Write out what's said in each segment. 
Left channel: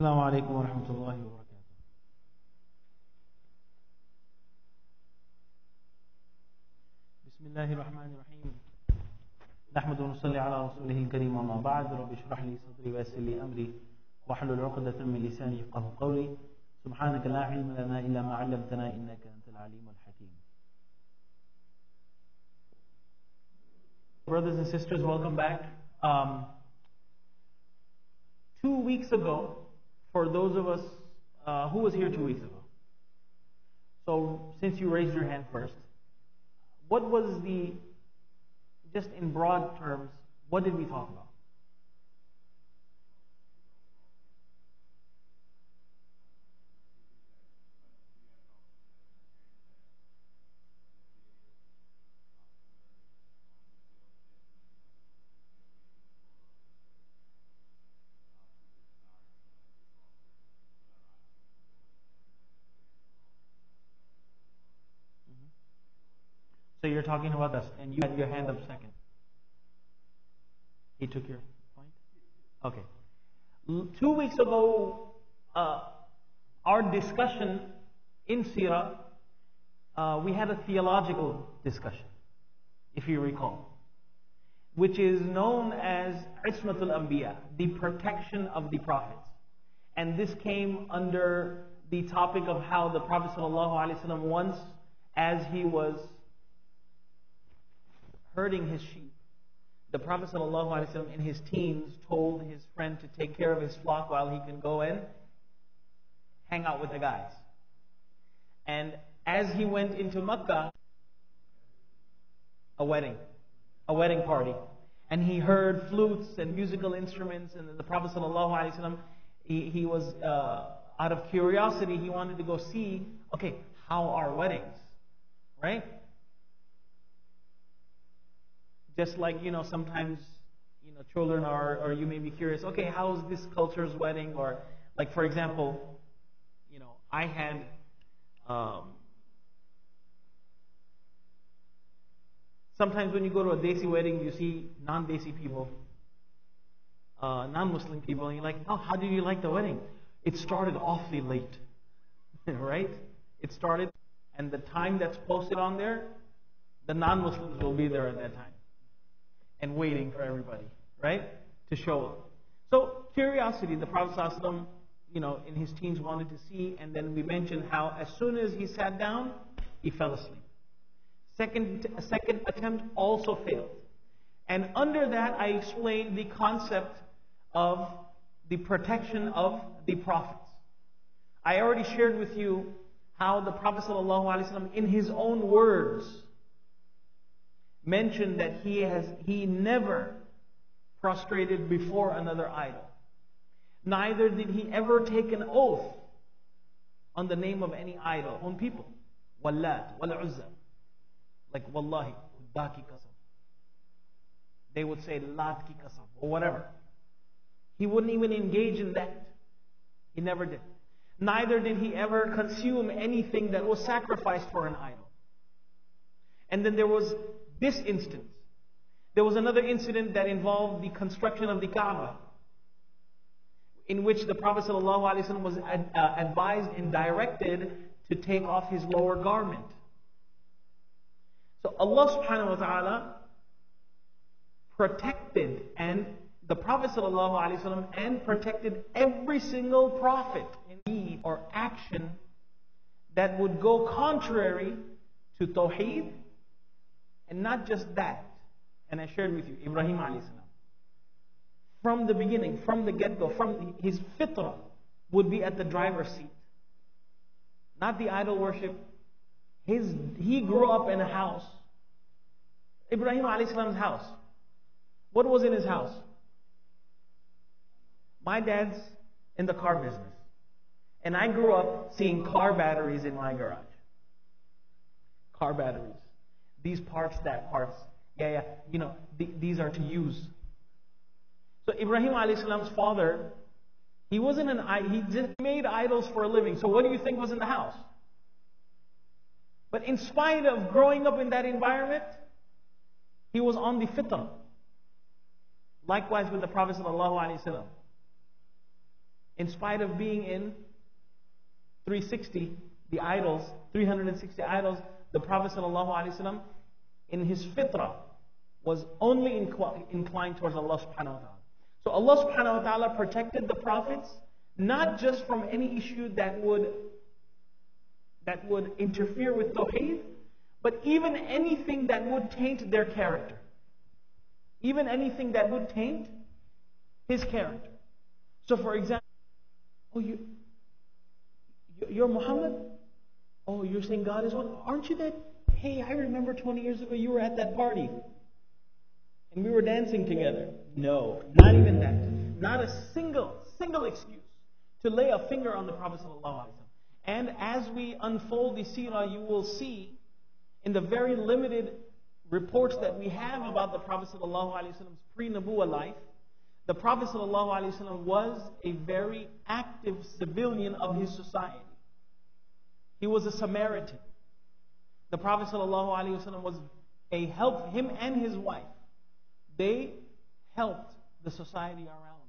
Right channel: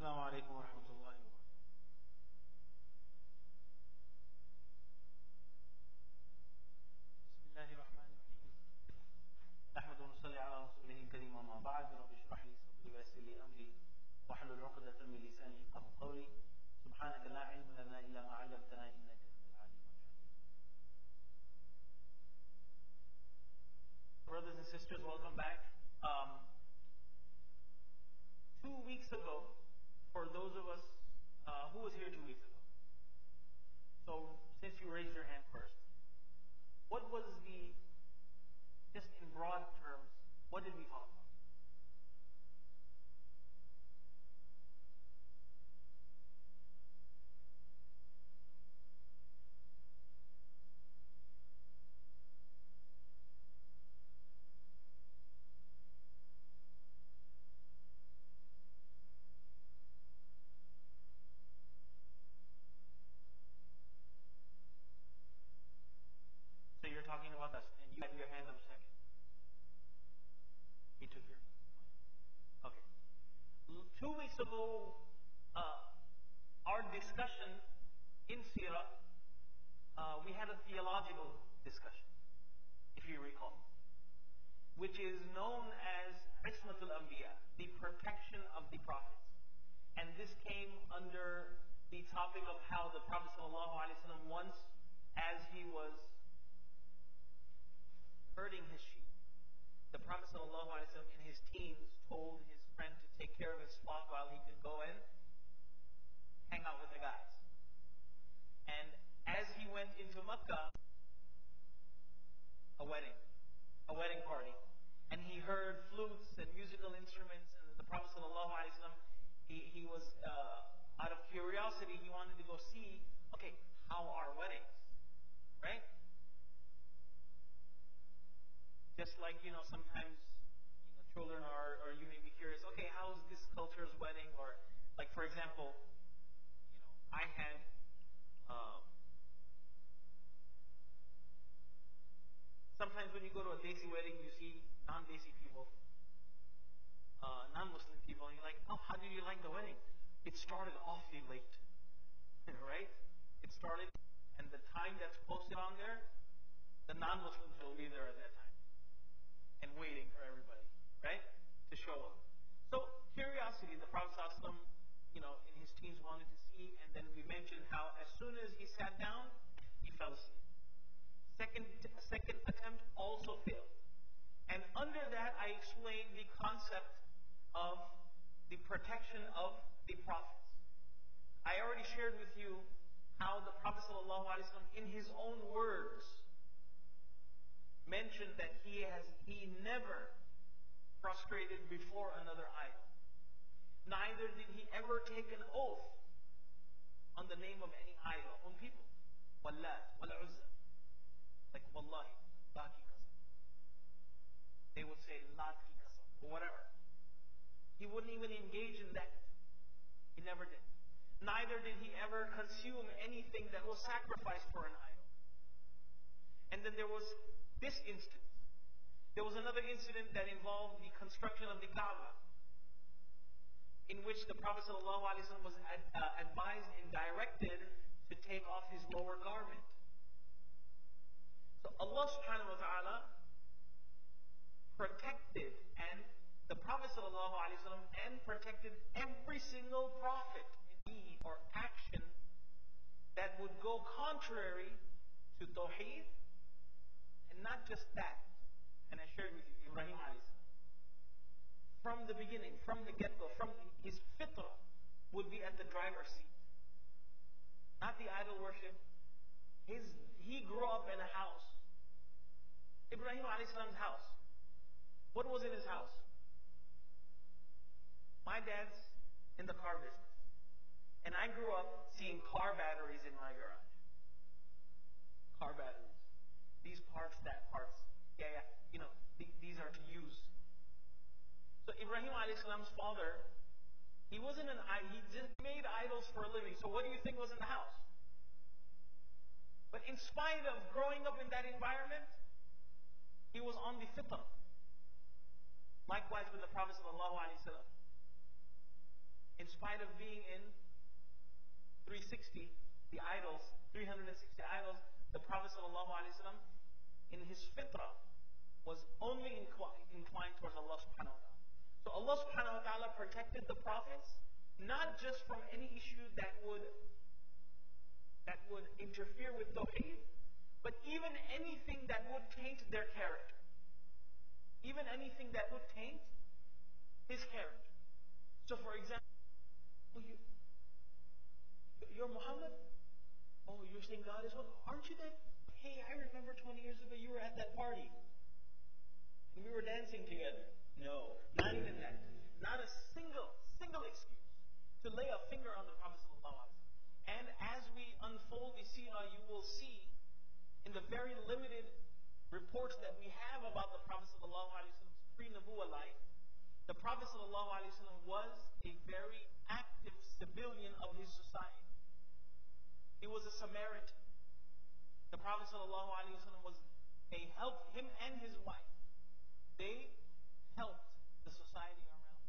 السلام عليكم ورحمة الله وبركاته. بسم الله الرحمن الرحيم. نحمد ونصلي على رسوله الكريم، أما بعد. رب اشرح لي صدري ويسر لي أمري واحلل عقدة من لساني يفقهوا قولي. سبحانك لا علم لنا إلا ما علمتنا إنك أنت العليم الحكيم. Brothers and sisters, welcome back. 2 weeks ago, for those of us who was here 2 weeks ago. So, since you raised your hand first, what was just in broad terms, what did we talk about? So you're talking about us, and you had your hand up second. He took your point? Okay. 2 weeks ago, our discussion in Sirah, we had a theological discussion, if you recall, which is known as Ismatul Anbiya, the protection of the prophets. And this came under the topic of how the Prophet ﷺ once, as he was herding his sheep, the Prophet ﷺ in his teens told his friend to take care of his flock while he can go and hang out with the guys. And as he went into Makkah, a wedding party, and he heard flutes and musical instruments, and the Prophet ﷺ, he was out of curiosity, he wanted to go see, okay, how are weddings, right? Just like, sometimes, children are, or you may be curious, okay, how's this culture's wedding? Or, like, for example, I had, sometimes when you go to a Desi wedding, you see non-Desi people, non-Muslim people, and you're like, oh, how did you like the wedding? It started awfully late, right? It started, and the time that's posted on there, the non-Muslims will be there at that time and waiting for everybody, right, to show up. So curiosity, the Prophet ﷺ, in his teens wanted to see, and then we mentioned how as soon as he sat down, he fell asleep. A second attempt also failed. And under that, I explained the concept of the protection of the prophets. I already shared with you how the Prophet ﷺ, in his own words, mentioned that he never prostrated before another idol. Neither did he ever take an oath on the name of any idol, on people. Wallat, wal Uzza. Like Wallahi, Khudda ki qasam. They would say Lat ki qasam, or whatever. He wouldn't even engage in that. He never did. Neither did he ever consume anything that was sacrificed for an idol. And then there was this instance. There was another incident that involved the construction of the Kaaba, in which the Prophet ﷺ was advised and directed to take off his lower garment. So Allah subhanahu wa ta'ala protected and the Prophet ﷺ and protected every single prophet in deed or action that would go contrary to Tawheed. And not just that, and I shared with you, Ibrahim alayhi salam, from the beginning, from the get-go, from his fitrah, would be at the driver's seat. Not the idol worship. He grew up in a house. Ibrahim alayhi salam's house. What was in his house? My dad's in the car business. And I grew up seeing car batteries in my garage. Car batteries. These parts, that parts. Yeah. These are to use. So Ibrahim alayhi salam's father, he just made idols for a living. So what do you think was in the house? But in spite of growing up in that environment, he was on the fitrah. Likewise with the Prophet ﷺ. In spite of being in 360, the idols, 360 idols, the Prophet ﷺ, in his fitrah, was only inclined towards Allah subhanahu wa ta'ala. So Allah subhanahu wa ta'ala protected the prophets, not just from any issue that would interfere with Tawheed, but even anything that would taint their character. Even anything that would taint his character. So for example, oh, you're Muhammad? Oh, you're saying God is one? Aren't you that? Hey, I remember 20 years ago you were at that party. And we were dancing together. No, not even that. Not a single excuse to lay a finger on the Prophet ﷺ. And as we unfold the Sirah, you will see in the very limited reports that we have about the Prophet ﷺ's pre-Nabuwah life, the Prophet ﷺ was a very active civilian of his society. He was a Samaritan. The Prophet ﷺ was a help, him and his wife. They helped the society around them.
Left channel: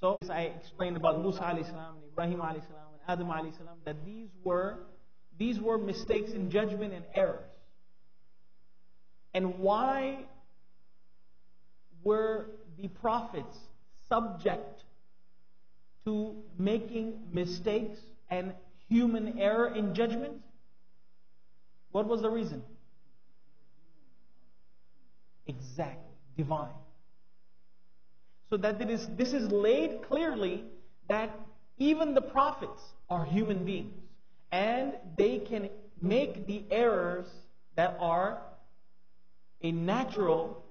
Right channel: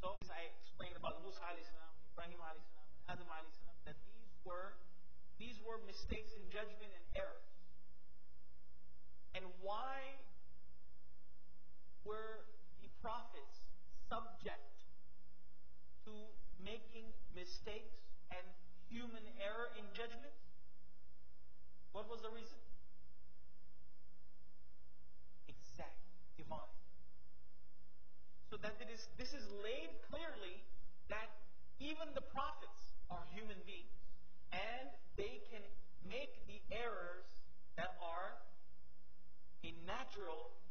So I explained about Musa alayhi salam and Ibrahim alayhi salam and Adam alayhi salam, that these were mistakes in judgment and errors. And why were the prophets subject to making mistakes and human error in judgment? What was the reason? Exactly. Divine. So that this is laid clearly that even the prophets are human beings, and they can make the errors that are a natural